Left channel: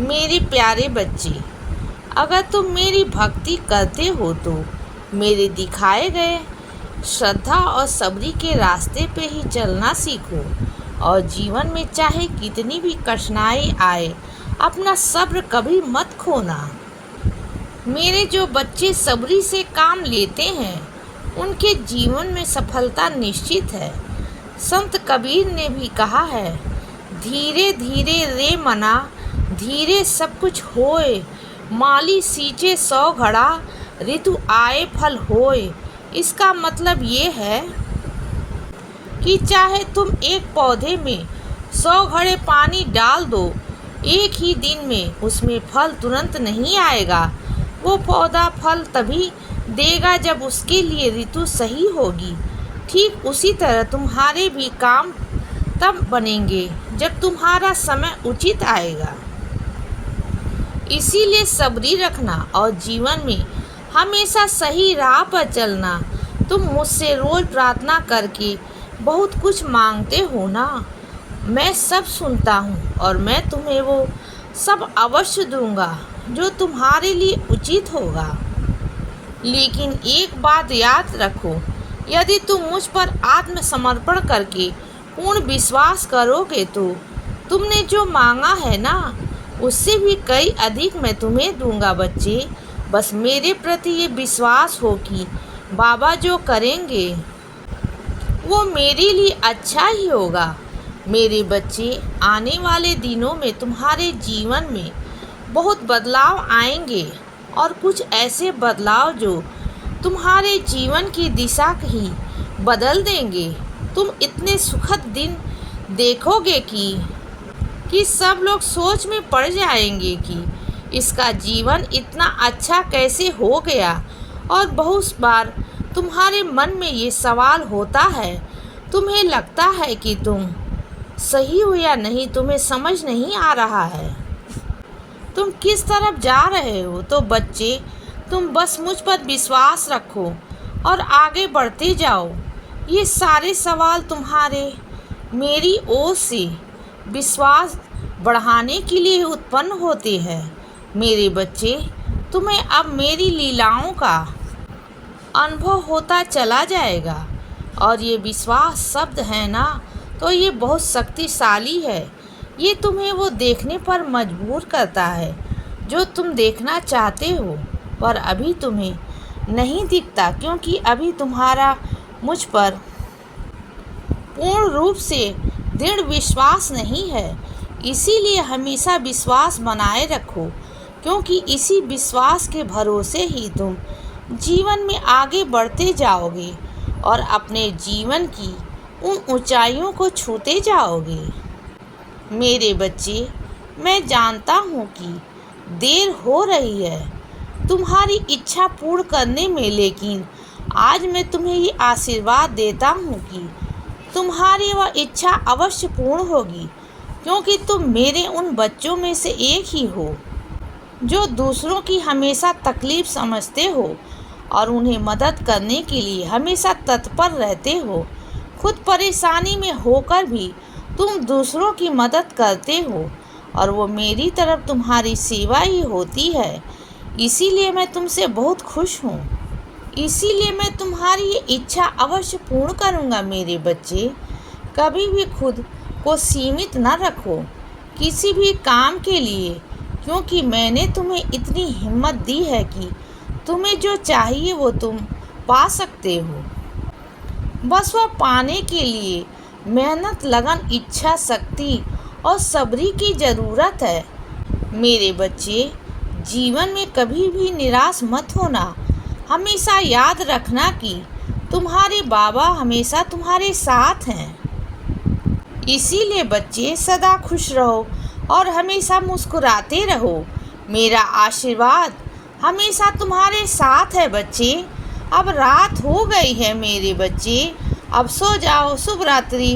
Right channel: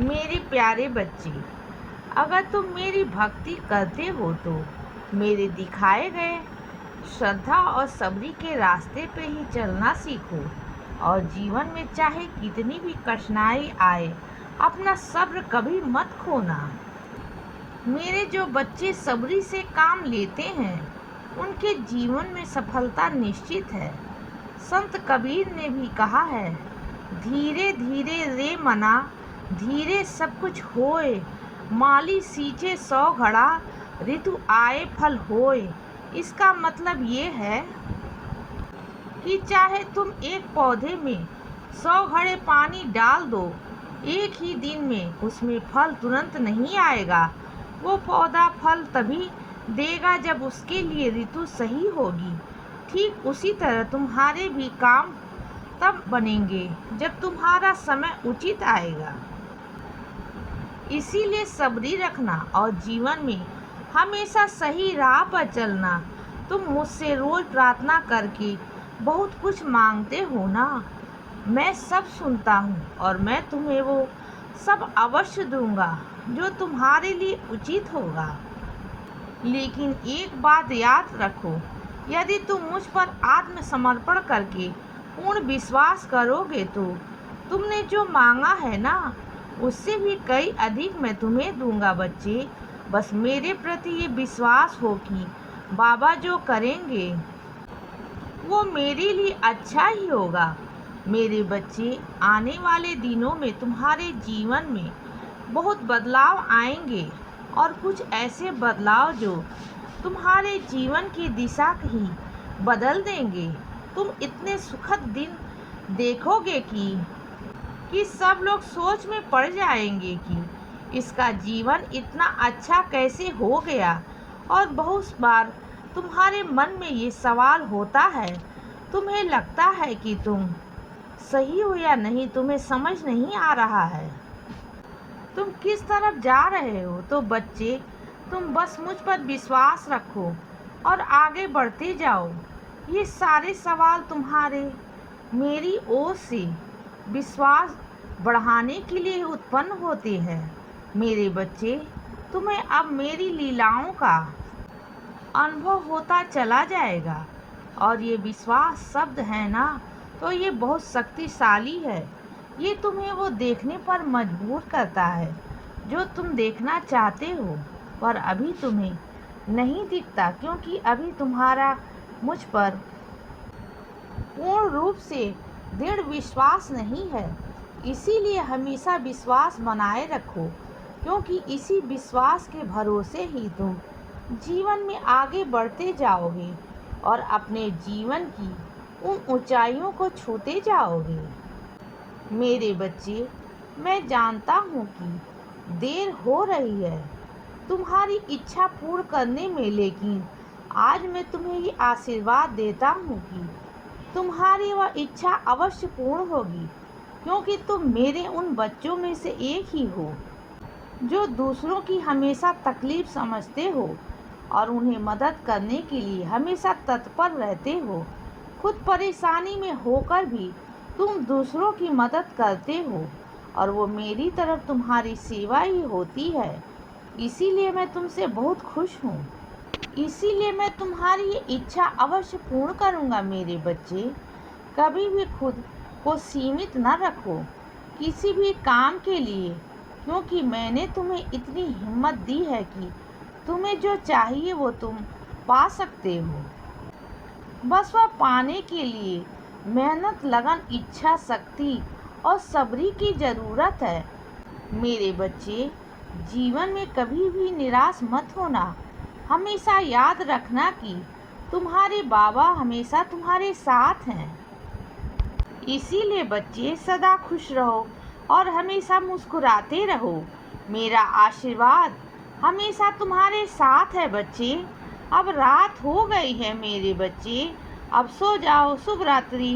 मेरे प्यारे बच्चे, अगर तुम मेरी भक्ति करते हो तो मेरे दिखाए गए श्रद्धा और सबरी के रास्ते पे ही चलना सीखो और जीवन में चाहे कितनी भी कठिनाई आए अपना सब्र कभी मत खोना। मेरे जो बच्चे सबरी से काम लेते हैं उनके जीवन में सफलता निश्चित है। संत कबीर ने भी कहा है, धीरे धीरे रे मना धीरे सब कुछ होए, माली सींचे 100 घड़ा ऋतु आए फल होए। इसका मतलब ये है कि चाहे तुम एक पौधे में 100 घड़े पानी डाल दो, एक ही दिन में उसमें फल तुरंत नहीं आएगा। वो पौधा फल तभी देगा जब उसके लिए ऋतु सही होगी। ठीक उसी तरह तुम्हारे भी काम तब बनेंगे जब तुम्हारा समय उचित आएगा। इसीलिए सबरी रखना और जीवन में हमेशा सही राह पर चलना। तुम मुझसे रोज प्रार्थना करके बहुत कुछ मांगते हो ना, मैं सब सुनता हूँ और मैं तुम्हें वो सब अवश्य दूंगा जो तुम्हारे लिए उचित होगा। लेकिन एक बात याद रखो, यदि तुम मुझ पर आत्मसमर्पण करके पूर्ण विश्वास करोगे तो तुमने जो मांगा है ना, उससे भी कई अधिक मैं तुम्हें दूंगा बच्चे। बस मेरे प्रति ये विश्वास हो कि बाबा जो करेंगे वो मेरे लिए अच्छा ही होगा। मेरे बच्चे, आने वाले दिनों में तुम्हारे जीवन में बहुत बदलाव आएंगे और कुछ ऐसे बदलाव जो तुम्हारे जीवन की दिशा ही बदल देंगे। तुम इतने सुखद दिन देखोगे कि सब लोग सोच में पड़ जाएंगे कि इसका जीवन इतना अच्छा कैसे हो गया। और बहुत बार तुम्हारे मन में ये सवाल होता है, तुम्हें लगता है कि तुम सही हो या नहीं, तुम्हें समझ नहीं आ रहा है तुम किस तरफ जा रहे हो। तो बच्चे, तुम बस मुझ पर विश्वास रखो और आगे बढ़ते जाओ। ये सारे सवाल तुम्हारे मेरी ओर से विश्वास बढ़ाने के लिए उत्पन्न होते हैं। मेरे बच्चे, तुम्हें अब मेरी लीलाओं का अनुभव होता चला जाएगा और ये विश्वास शब्द है ना, तो ये बहुत शक्तिशाली है। ये तुम्हें वो देखने पर मजबूर करता है जो तुम देखना चाहते हो, पर अभी तुम्हें नहीं दिखता क्योंकि अभी तुम्हारा मुझ पर पूर्ण रूप से दृढ़ विश्वास नहीं है। इसीलिए हमेशा विश्वास बनाए रखो, क्योंकि इसी विश्वास के भरोसे ही तुम जीवन में आगे बढ़ते जाओगे और अपने जीवन की उन ऊंचाइयों को छूते जाओगे। मेरे बच्चे, मैं जानता हूँ कि देर हो रही है तुम्हारी इच्छा पूर्ण करने में, लेकिन आज मैं तुम्हें ये आशीर्वाद देता हूँ कि तुम्हारी वह इच्छा अवश्य पूर्ण होगी, क्योंकि तुम मेरे उन बच्चों में से एक ही हो जो दूसरों की हमेशा तकलीफ समझते हो और उन्हें मदद करने के लिए हमेशा तत्पर रहते हो। खुद परेशानी में होकर भी तुम दूसरों की मदद करते हो और वो मेरी तरफ तुम्हारी सेवा ही होती है। इसीलिए मैं तुमसे बहुत खुश हूँ। इसीलिए मैं तुम्हारी ये इच्छा अवश्य पूर्ण करूँगा। मेरे बच्चे, कभी भी खुद को सीमित न रखो किसी भी काम के लिए, क्योंकि मैंने तुम्हें इतनी हिम्मत दी है कि तुम्हें जो चाहिए वो तुम पा सकते हो। बस वह पाने के लिए मेहनत, लगन, इच्छा शक्ति और सबरी की ज़रूरत है। मेरे बच्चे, जीवन में कभी भी निराश मत होना। हमेशा याद रखना कि तुम्हारे बाबा हमेशा तुम्हारे साथ हैं। इसीलिए बच्चे, सदा खुश रहो और हमेशा मुस्कुराते रहो। मेरा आशीर्वाद हमेशा तुम्हारे साथ है बच्चे। अब रात हो गई है मेरे बच्चे, अब सो जाओ। शुभ रात्रि।